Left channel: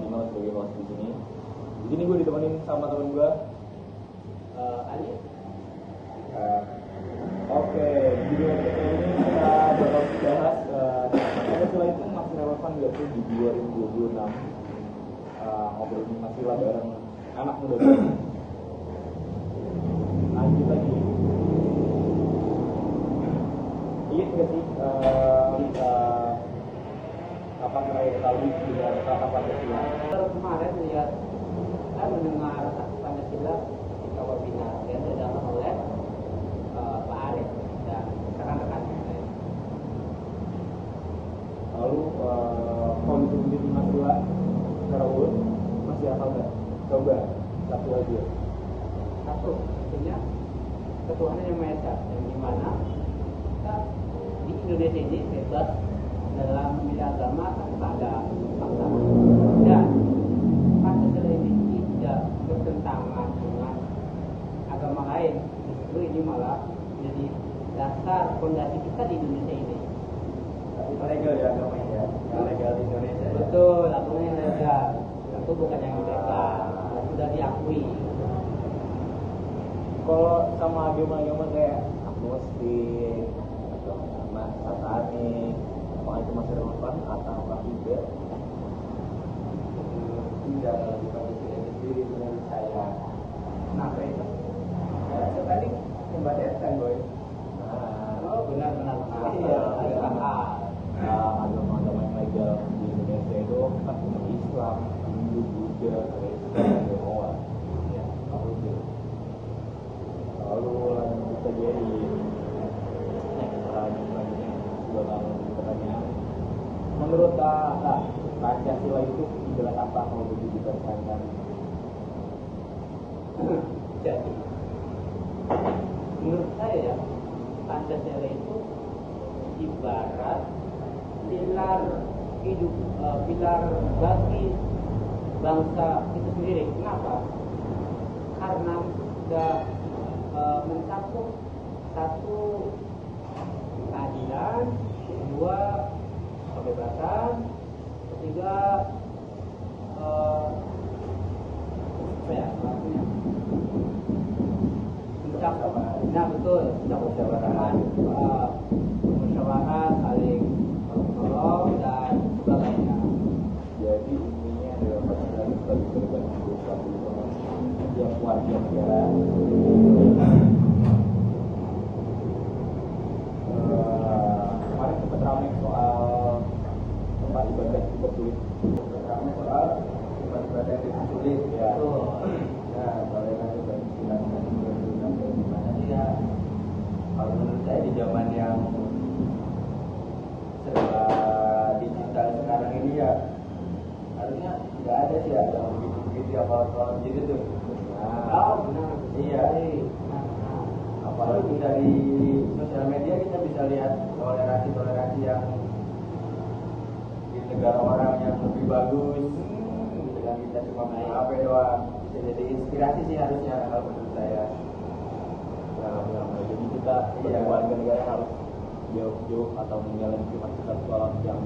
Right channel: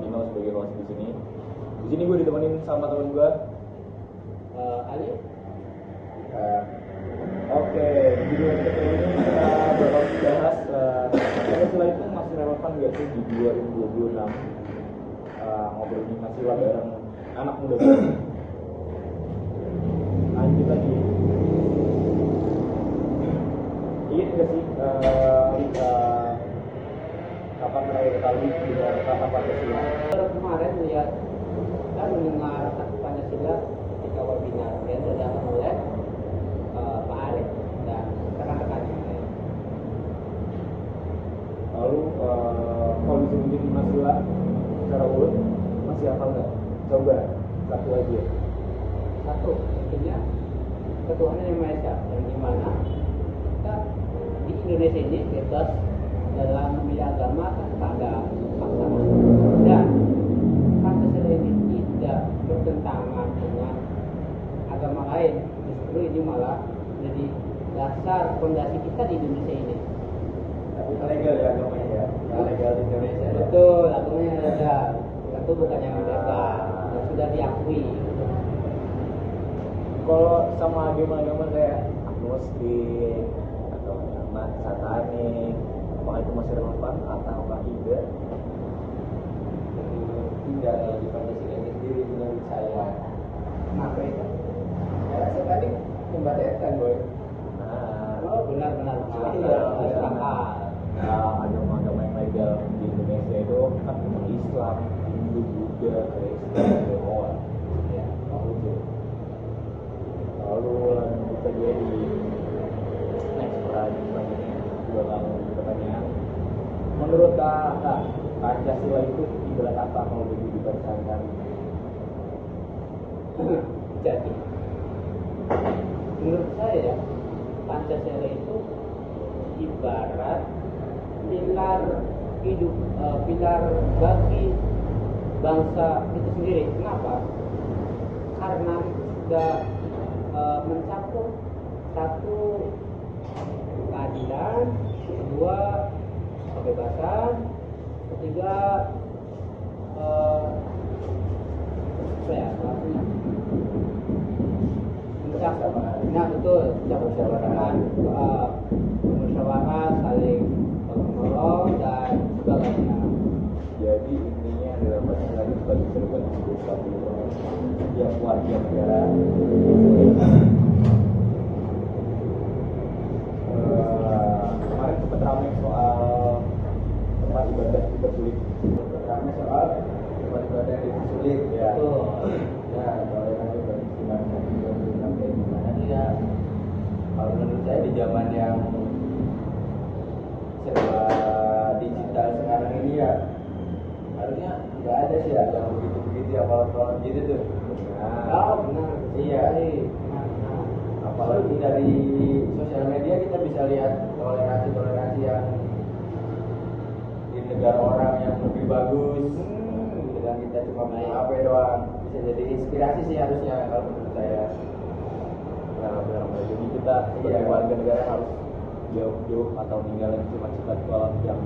Tino sebagai host di sini. Di sini gue ditemenin sama teman gue, Ali. Oke, di video episode ini kita bakal bahas Pancasila itu masih relevan nggak sih di 2026? Ngobrolin Pancasila bareng anak muda baru. Lanjut lagi. Ingat nggak sih kapan terakhir kali dengar kata Pancasila? Kemarin lihat saya mendengar Pancasila ketika webinar yang diadakan oleh Pak Arief dan rekan-rekannya. Lalu kalau disebutin Pancasila secara urut masih hafal nggak? Coba satu aja. Satu, tentunya ketuhanan yang Maha Esa, yang dimana kita di Indonesia ini bebas dalam memilih agama tanpa ada paksaan. Dan Pancasila ini tidak bertentangan dengan agama lain. Justru ini malah menjadi dasar fondasi kita di Indonesia ini. Tapi legal ya agamanya ya, nggak legal di Indonesia. Betul, agamanya legal. Itu bukan yang legal, yang sudah diakui. Kalau sama agama-agama kayak agnostik atau sama satanik, apakah itu masih relevan atau tidak? Tidak kalau di Pancasila ini menurut saya. Kenapa itu? Saya sekali membacakan boy. Oh, benar-benar. Iya, Agama-agama yang legal di Indonesia itu kan umat Islam, Hindu, Buddha, Kristen, Tionghoa. Lalu lanjut saja di next pertanyaan selanjutnya. Bakal pertanyaan. Menurut kakak, Pancasila itu ibarat apa kalau begitu dipertahankan? Jadi, menurut saya Pancasila itu ibarat pilar hidup, pilar bagi bangsa itu sendiri. Kenapa? Karena sudah mencakup satu keadilan, kedua kebebasan, ketiga nah betul, musyawarah, saling tolong dan juga lainnya. Jadi intinya adalah Pancasila itu sebagai cermin setiap warga negara. Kemarin sempat ramai soal tempat ibadah dipersulit. Ramai soal ibadah yang sulit Ya. Ya, kalau nanti berbicara sampai di mana sih ya? Kalau menurut saya di zaman yang serba digital sekarang ini ya harusnya nggak ada sih ya yang begitu apa gitu tuh. Oh, benar. Iya. Apalagi dari sosial media kita bisa lihat toleransi yang di negara orang yang lebih bagus. Dan kita cuma main HP doang, bisa jadi inspirasi sih harusnya kalau menurut saya. Benar. Jadi kita sebagai warga negara harus jauh-jauh atau ninggalin sifat-sifat kolot yang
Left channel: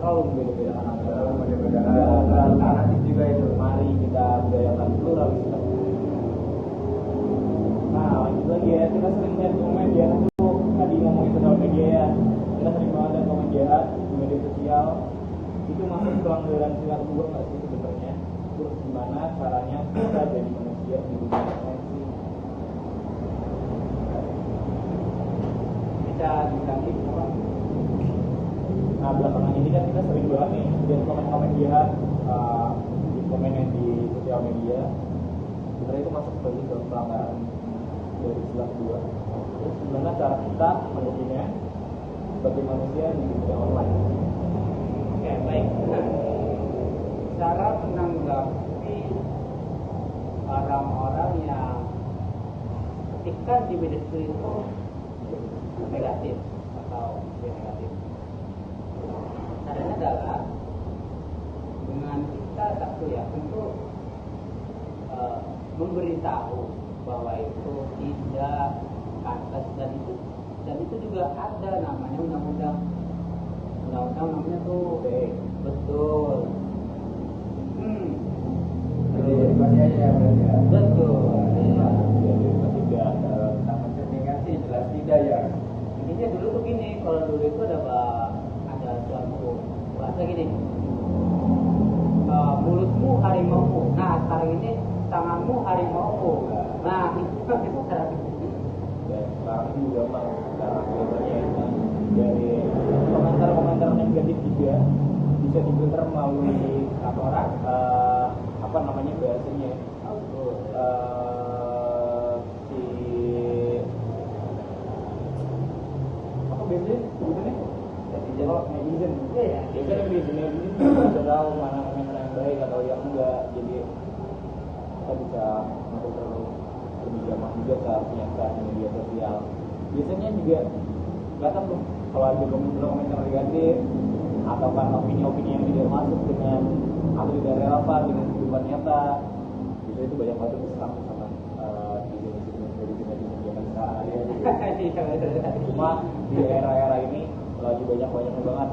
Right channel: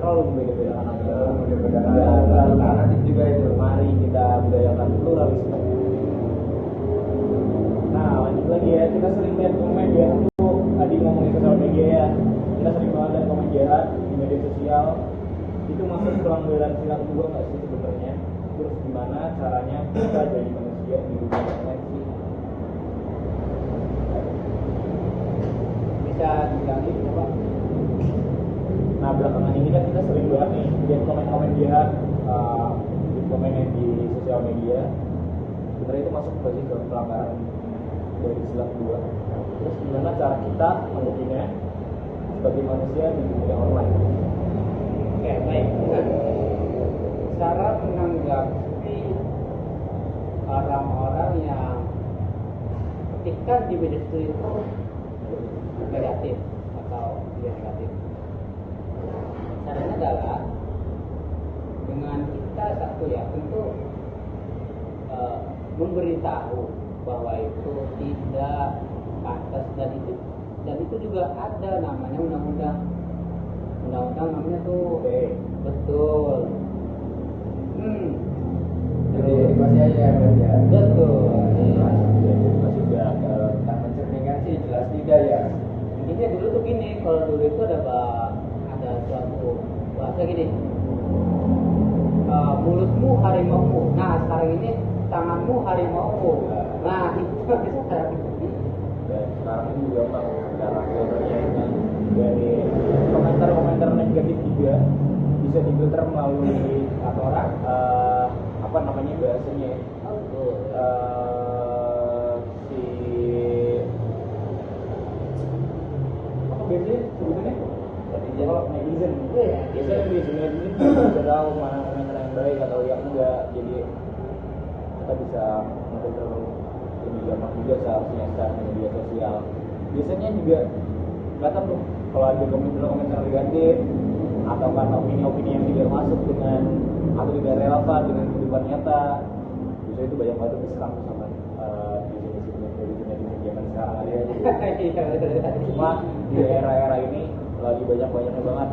terlalu membeda-bedakan agama. Juga itu. Mari kita budayakan pluralisme. Nah, lanjut lagi ya, kita sering lihat komen ya, itu tadi ngomongin sosial media ya, kita sering banget lihat komen jahat di media sosial. Itu masuk pelanggaran sila kedua nggak sih sebenarnya? Terus gimana caranya kita jadi manusia di dunia internet sih? Bisa diganti apa? Nah, belakangan ini kan kita sering banget nih lihat komen-komen jahat di komen yang di sosial media. Sebenarnya itu masuk berarti ke pelanggaran dari sila kedua. Terus gimana cara kita menghadapinya sebagai manusia di dunia online? Oke, baik. Cara menanggapi orang-orang yang ketika di media sosial itu negatif atau negatif. Caranya adalah dengan kita satu ya tentu memberitahu bahwa itu tidak pantas dan itu juga ada namanya undang-undang namanya tuh betul. masih aja ya. Betul. Ya jadi masih udah Nah, mencerminkan sih jelas tidak ya. Ini dulu tuh gini, kalau dulu itu ada suatu bahasa gini, mulutmu harimaumu. Nah sekarang ini tanganmu harimaumu. Nah itu sekarang. dan sekarang ini juga emang cara filternya dari komentar-komentar negatif juga bisa difilter melalui apa namanya bahasanya ya? Si apa biasanya sebutannya kalau netizen biasanya netizen bisa tahu mana komentar yang baik atau yang enggak, jadi kita bisa memfilter lebih gampang juga seharusnya saat media sosial. Biasanya juga kelihatan tuh kalau ada komentar negatif atau kan opini-opini yang tidak masuk dengan atau tidak relevan dengan kehidupan nyata, biasanya itu banyak banget diserang sama di zaman sekarang ada. Cuma di era-era ini lagi banyak-banyaknya banget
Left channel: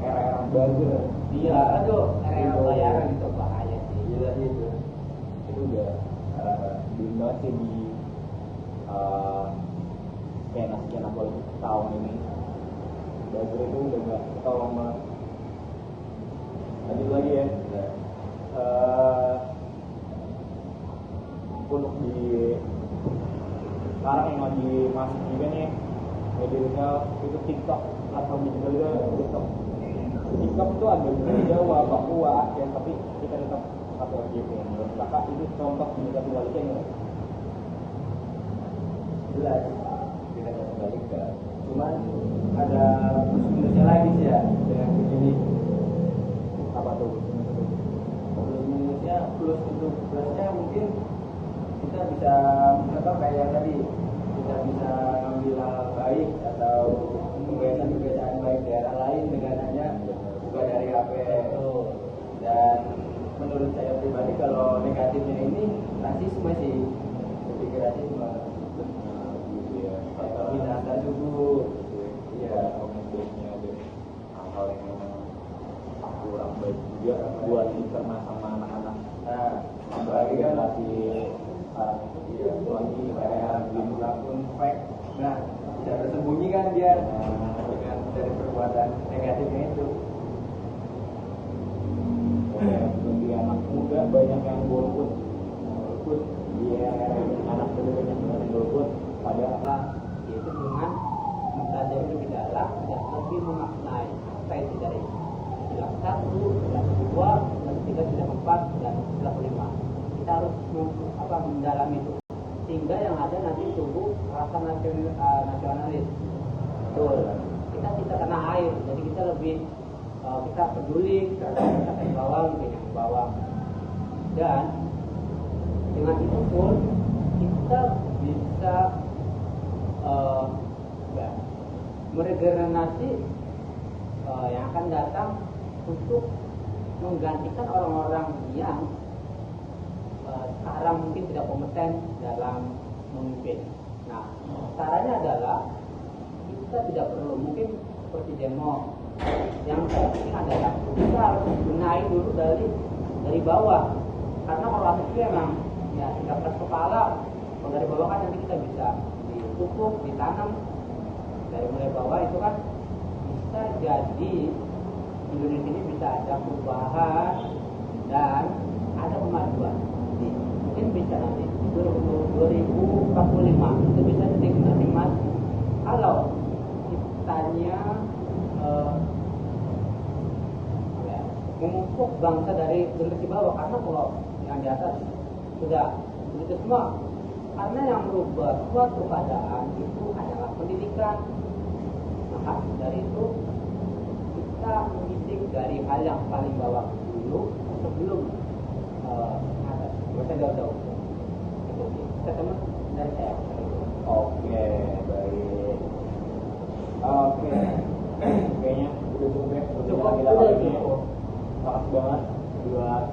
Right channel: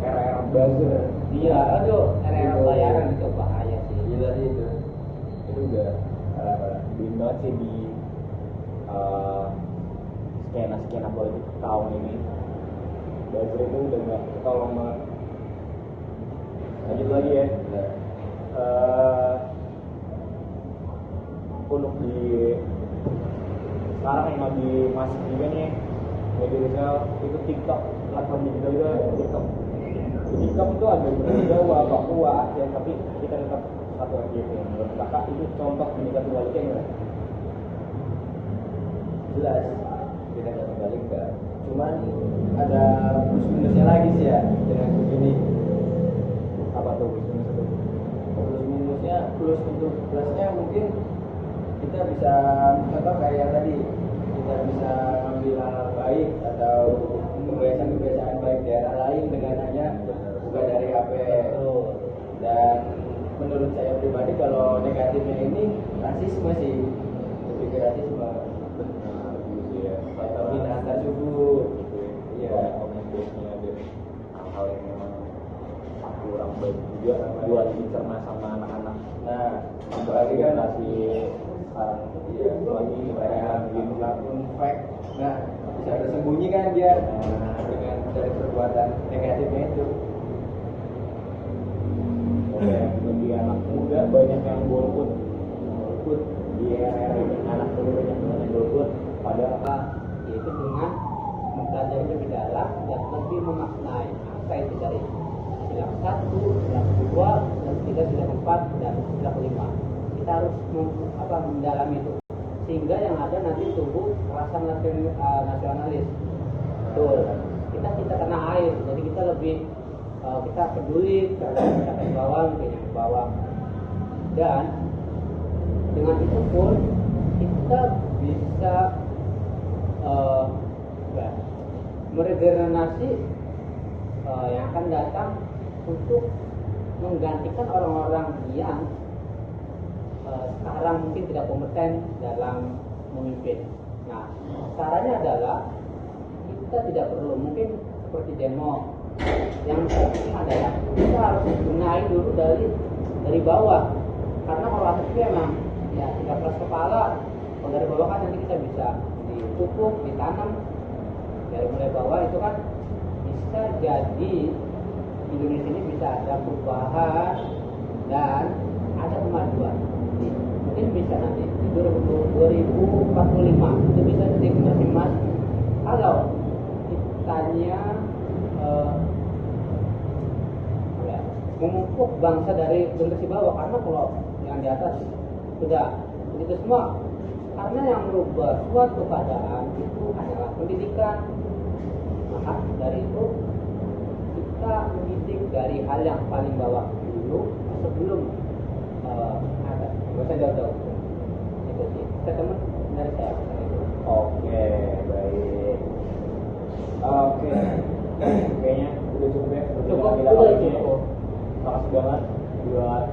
era-era buzzer. Iya, aduh, era bayaran itu bahaya. Gila sih itu. Itu udah belum banget sih di skena politik tahun ini. Buzzer itu udah gak ketolong banget. Lanjut lagi ya. Untuk di sekarang yang lagi masuk juga nih media sosial itu TikTok, platform digital itu TikTok. TikTok itu agak Jawa, Papua, Aceh, tapi kita tetap satu RJP. Menurut kakak itu contoh pendekatan baliknya nggak? Jelas tidak terkendalikan. Cuman ada plus minusnya lagi sih ya dengan begini. Apa tuh? Plus minusnya, plus untuk plusnya mungkin kita bisa contoh kayak yang tadi, kita bisa mengambil hal baik atau kebiasaan-kebiasaan baik daerah lain dengan hanya buka dari HP. Dan menurut saya pribadi kalau negatifnya ini rasisme sih, lebih ke rasisme. Antar suku, Komunikasinya ada hal-hal yang memang kurang baik juga buat dicerna sama anak-anak. nah Apalagi generasi sekarang lagi kayak gini. akun fake, nah bisa tersembunyi kan dia dengan dari perbuatan negatifnya itu. Di anak muda banyak yang golput di era ini, anak muda banyak yang golput padahal Itu dengan mempelajari lebih dalam dan lebih memaknai apa itu dari sila 1, sila 2, sila 3, sila 4, dan sila 5. Kita harus mendalami itu sehingga yang ada nanti tumbuh rasa nasionalis. Betul. Kita tanah air, jadi kita lebih kita peduli terhadap masyarakat bawah dan dengan itu pun kita bisa meregenerasi yang akan datang untuk menggantikan orang-orang yang sekarang mungkin tidak kompeten dalam memimpin. Nah, caranya adalah kita tidak perlu mungkin seperti demo. Yang penting adalah kita harus benahi dulu dari bawah. Karena kalau akhirnya memang ya 13 kepala, kalau dari bawah kan nanti kita bisa dipupuk, ditanam dari mulai bawah itu kan bisa jadi Indonesia ini bisa ada perubahan dan ada kemajuan. Mungkin bisa nanti 2045 itu bisa jadi mas kalau kitanya memupuk bangsa dari generasi bawah, karena kalau yang di atas sudah begitu semua, karena yang merubah suatu keadaan itu adalah pendidikan. Maka dari itu kita mendidik dari hal yang paling bawah dulu sebelum ada bisa jauh-jauh. Kita teman dari saya. Oke, baik. Oke, kayaknya udah cukup ya perbincangan kita kali ini. Makasih banget buat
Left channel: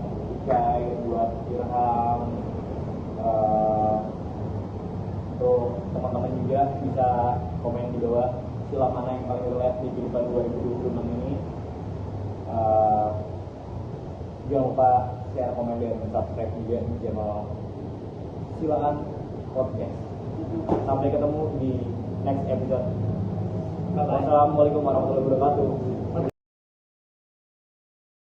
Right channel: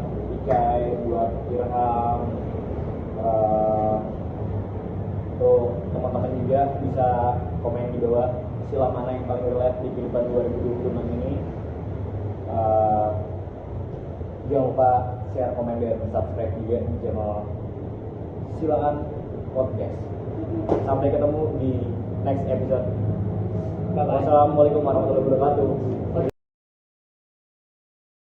Ikai, buat Irham. Untuk teman-teman juga bisa komen di bawah sila mana yang paling relate di kehidupan 2026 ini. Jangan lupa share, komen, dan subscribe juga di channel Silaan Podcast. Sampai ketemu di next episode. Wassalamualaikum warahmatullahi wabarakatuh.